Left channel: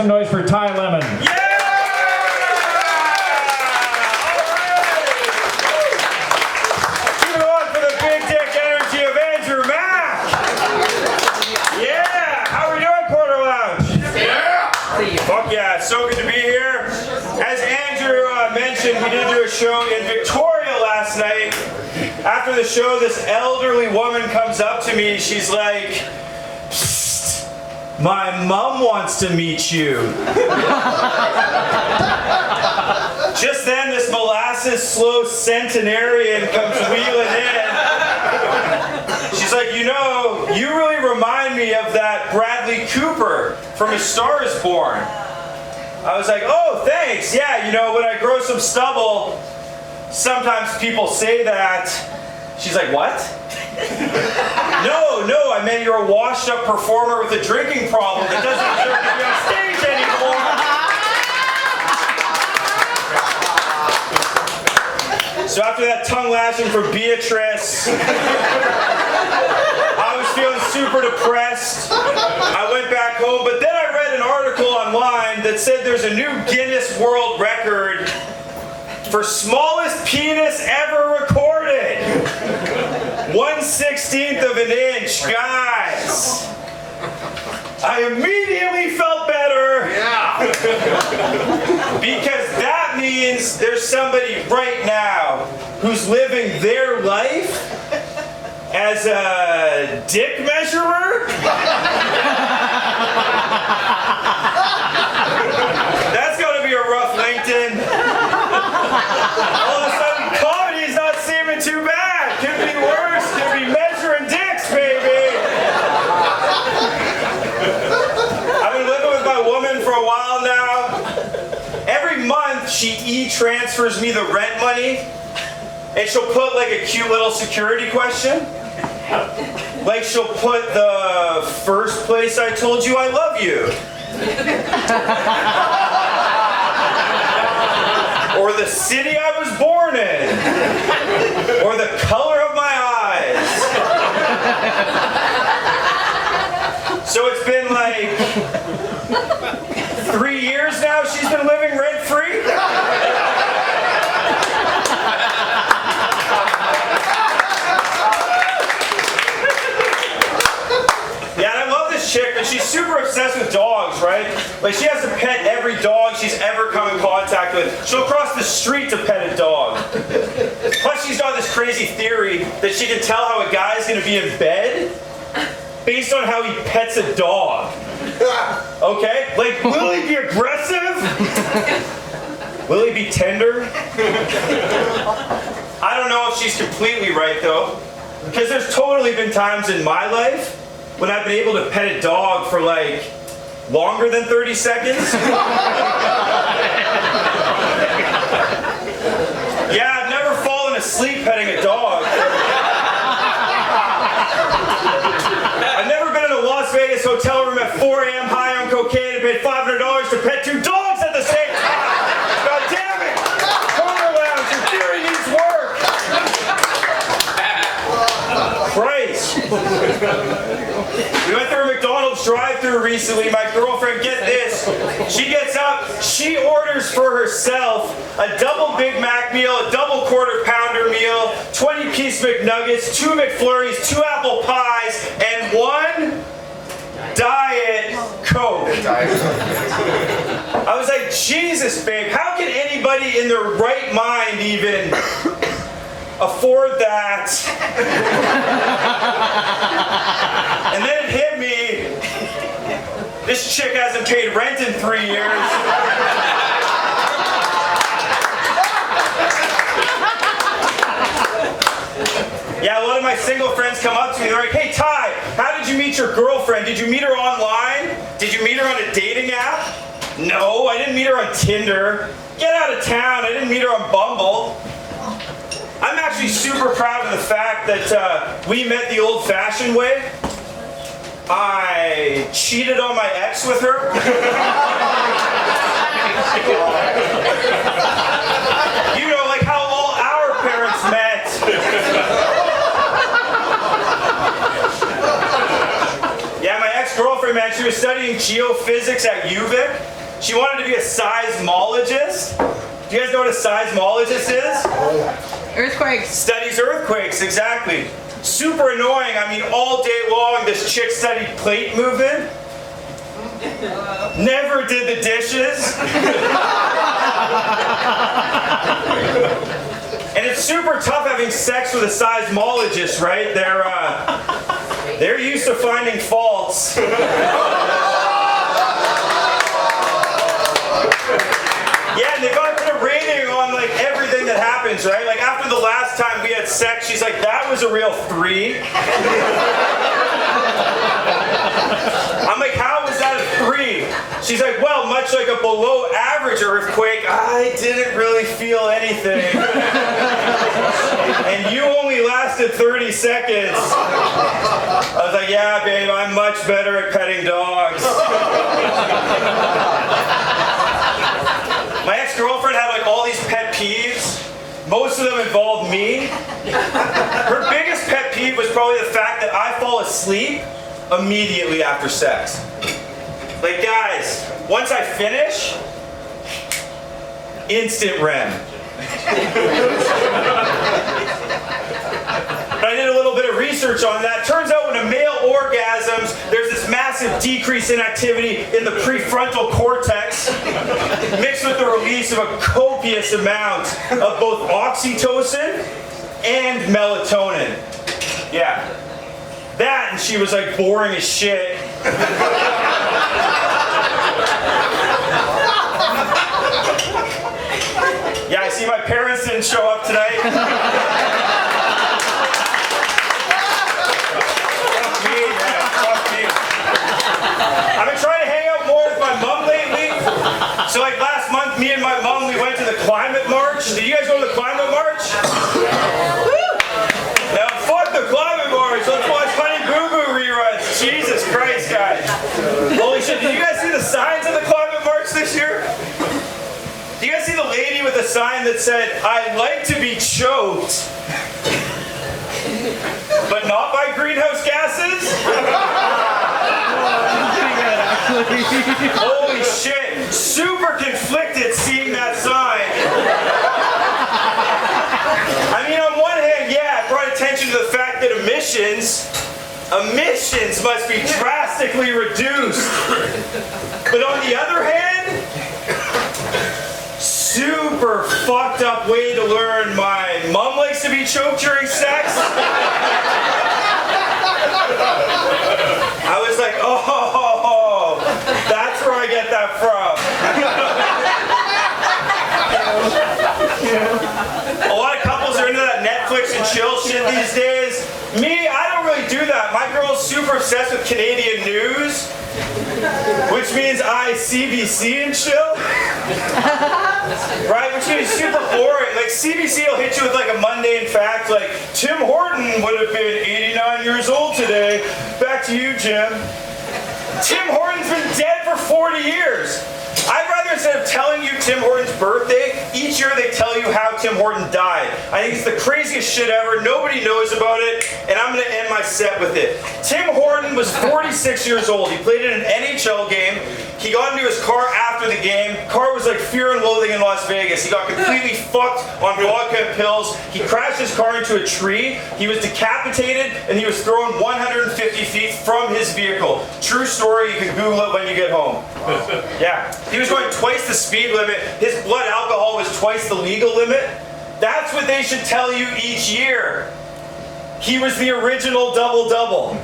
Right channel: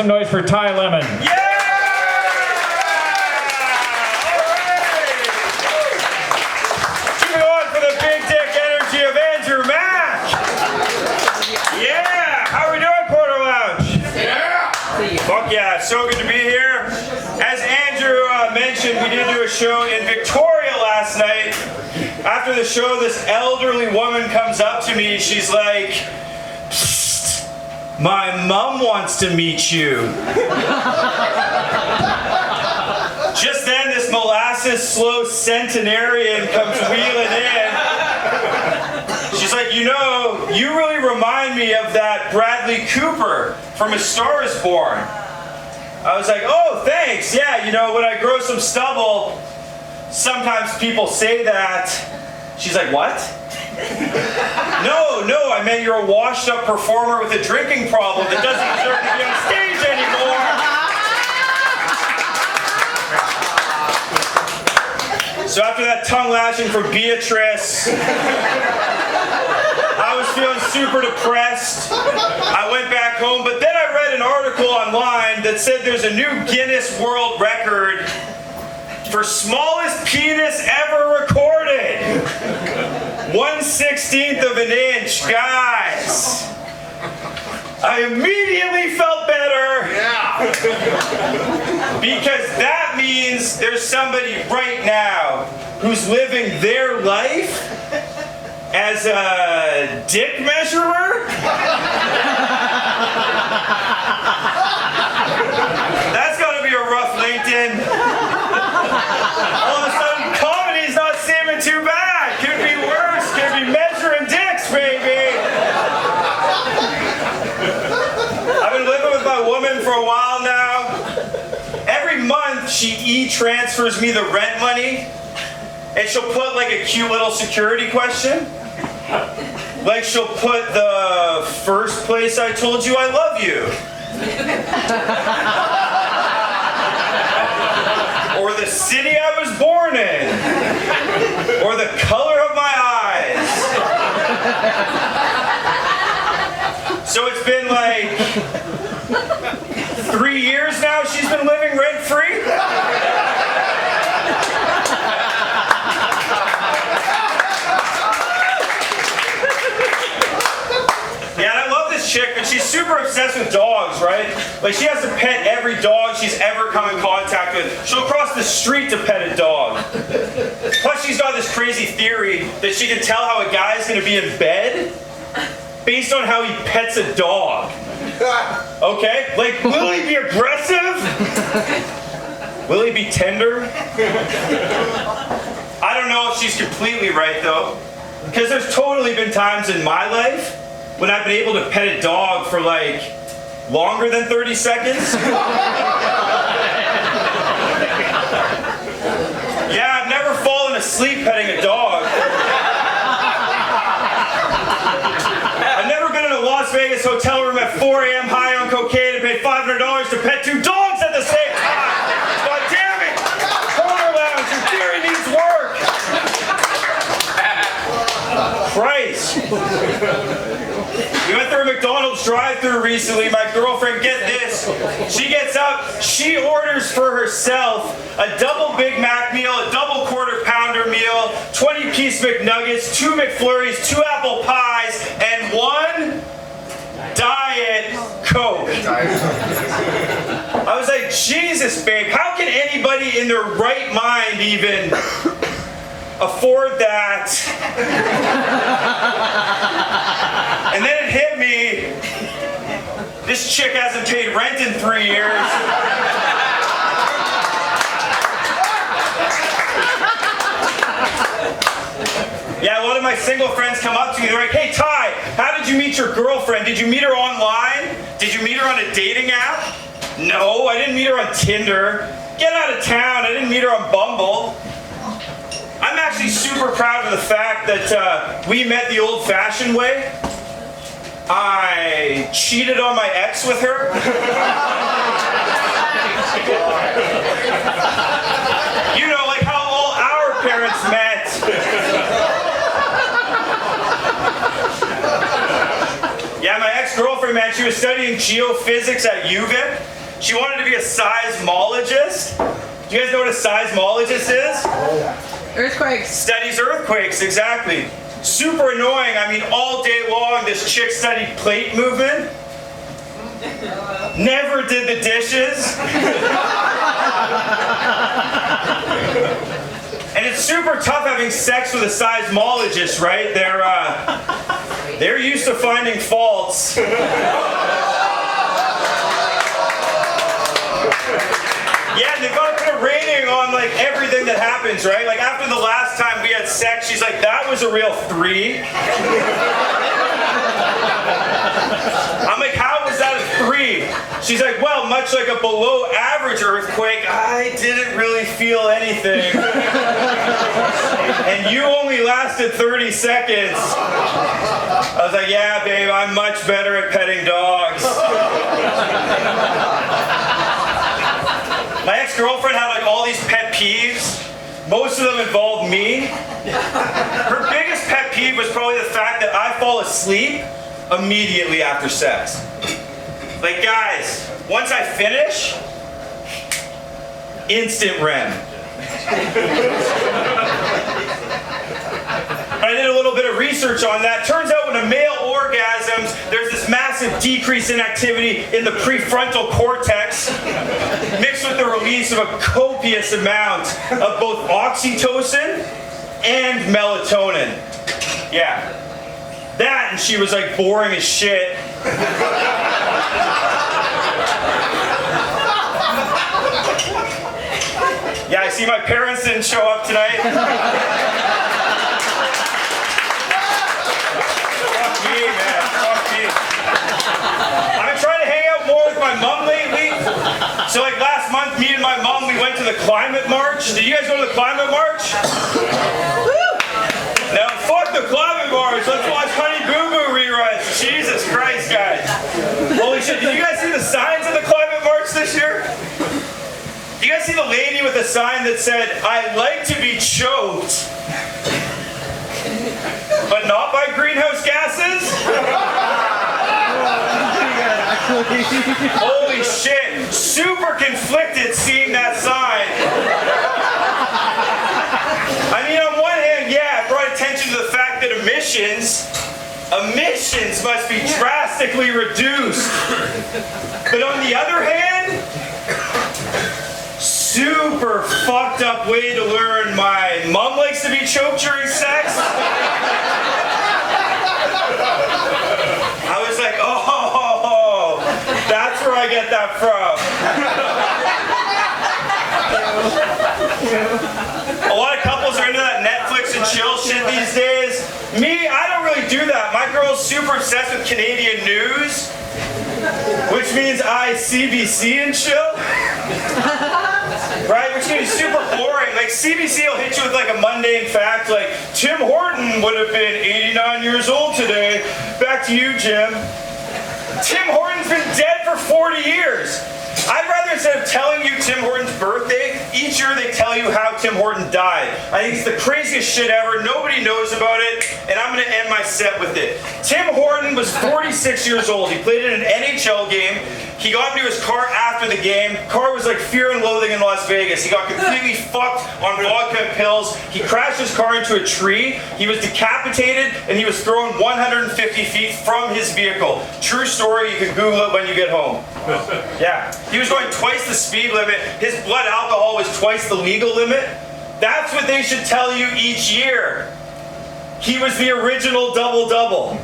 some noise for Ty Lemmon. Yeah! Keep it on for the big dick energy of Andrew Mack. Yeah! How are we doing, Porter Lounge? Yeah! Fuck yeah, so good to be here. As Andrew mentioned, we did do a show in Victoria last night. After the show, this elderly woman comes up to me. She's like, "My mom wants to meet you." Just then, this molasses slow centenarian comes wheeling in. She's like, "You know, you really remind me of that Bradley Cooper from A Star Is Born." I was like, "Oh, thanks. Yeah, you know, when I grow some stubble, sometimes people say that." She's like, "What?" No, I meant you're a washed-up performer with a drinking problem that doesn't deserve to be on stage anymore. So after that tongue lashing from Beatrice, I was feeling super depressed. I went back home, but then I read an article online that said there's a new Guinness World Record for smallest penis ever recorded. 1/16 of an inch, guys. I immediately felt better. Yeah. Because that means there's somebody right now who's living their life as a dick measurer. That's gotta be a rough LinkedIn. All of a sudden, comedy's not seeming too bad. Could be worse. Could be measuring dicks, baby. I've been living with my woman for a while now. Every month, she e-transfers me the rent money, and she'll put like a cute little security question. Like she'll put the first place I told you I love you. Or the city I was born in. Or the color of my eyes. So it's been like 3 years now she's been living rent-free. Yeah, and I love this chick, but she's super obsessed with dogs, right? Like, she has to pet every dog she's ever come in contact with. She'll cross the street to pet a dog. Plus, she's got this crazy theory that she can tell how a guy's gonna be in bed based on how he pets a dog. Okay? Like, will he be aggressive? Will he be tender? I don't know if she's completely right, though. Because there's totally been times in my life when I've been able to pet a dog for like longer than 30 seconds. Yeah, I've never fallen asleep petting a dog. I've never been in a Las Vegas hotel room at 4 a.m. high on cocaine and paid $500 to pet 2 dogs at the same time. God damn it! Porter Lounge, your theory needs work. Christ. We went through a McDonald's drive-thru recently. My girlfriend, get this, she gets up, she orders for herself a double Big Mac meal, a double quarter pounder meal, 20-piece McNuggets, 2 McFlurries, 2 apple pies, and 1 Diet Coke. I was like, Jesus, babe, how can anybody in their right mind even afford that? And then it hit me, this chick hasn't paid rent in 3 years. Yeah, a lot of my single friends come up to me, they're like, "Hey Ty, how did you meet your girlfriend? Did you meet her online? Did you meet her on a dating app?" "No, I didn't meet her on Tinder. Get out of town, I didn't meet her on Bumble." I'm actually super proud of the fact that we met the old-fashioned way. I cheated on my ex with her. You know, like how all our parents met. Yeah, my ex-girlfriend ex-girlfriend, man, she was studying geophysics at UVic. She wanted to be a seismologist. Do you guys know what a seismologist is? Earthquakes. Studies earthquakes, exactly. Super annoying. I mean, all day long, this chick studied plate movement. Never did the dishes. And it's super tough having sex with a seismologist, right? They're used to finding faults. Yeah, and they got to put a rating on like everything that happens, right? Like after the last time we had sex, she's like, that was a real 3. I'm like, how was that a 3? She's like, well, much like a below average earthquake, I didn't really feel anything. And you only lasted 30 seconds. I was like, yeah, babe, I'm much better at petting dogs. My ex-girlfriend had like all these pet peeves. Most of them involved me. Her biggest pet peeve was probably the fact that I fall asleep immediately after sex. Like, guys, once I finish, instant REM. I did a little bit of research on that. Turns out when a male orgasms, there's this massive decrease in activity in the prefrontal cortex, mixed with the release of a copious amount of both oxytocin and melatonin. Yeah. That, and she was like boring as shit. Yeah, I see my parents didn't show up tonight. Fuck me, man. Fuck me. I've been trying to hang out more with my mom lately. So like last month, me and my mom, we went to the climate march. Did you guys go to the climate march? Now fuck the climate march. Let's watch Honey Boo Boo reruns. Jesus Christ, guys. Holy shit, did you guys see the signs of the climate march this year? Do you guys see the lady with a sign that said, I like to be choked, but not by greenhouse gases? Holy shit, super conflicted seeing that sign. I mean, on one hand, yeah, it brought attention to the fact that emissions must be drastically reduced. But on the other hand, super fucked up way to learn my mom likes to be choked during sex. I was like, oh, that's where I get that from. A lot of couples are into that Netflix and chill shit these days. Me, I don't really do that. My girl's super obsessed with Canadian news, which means I CBC and chill. Right, which means super boring. Like CBC will hit you with like a mundane fact, like Tim Horton would have been 89 years old today. Back to you, Jim. Tim Horton's been dead for 40 years. I'd rather, instead of telling you Tim Horton's birthday, each year they tell you how Tim Horton died. I think it's the craziest shit ever. Nobody knows about it, and I'm going to end my set with it. Tim Horton was 46 years old. He played in an NHL game. He got into his car after the game. Car was like Fear and Loathing in Las Vegas. He got completely fucked on vodka and pills. He crashed his car into a tree. He was decapitated, and he was thrown 150 feet from his vehicle. True story. You can Google it when you get home. Yeah. He was going twice the speed limit. His blood alcohol was twice the legal limit. That's what they should tell you each year. He was the original double-double.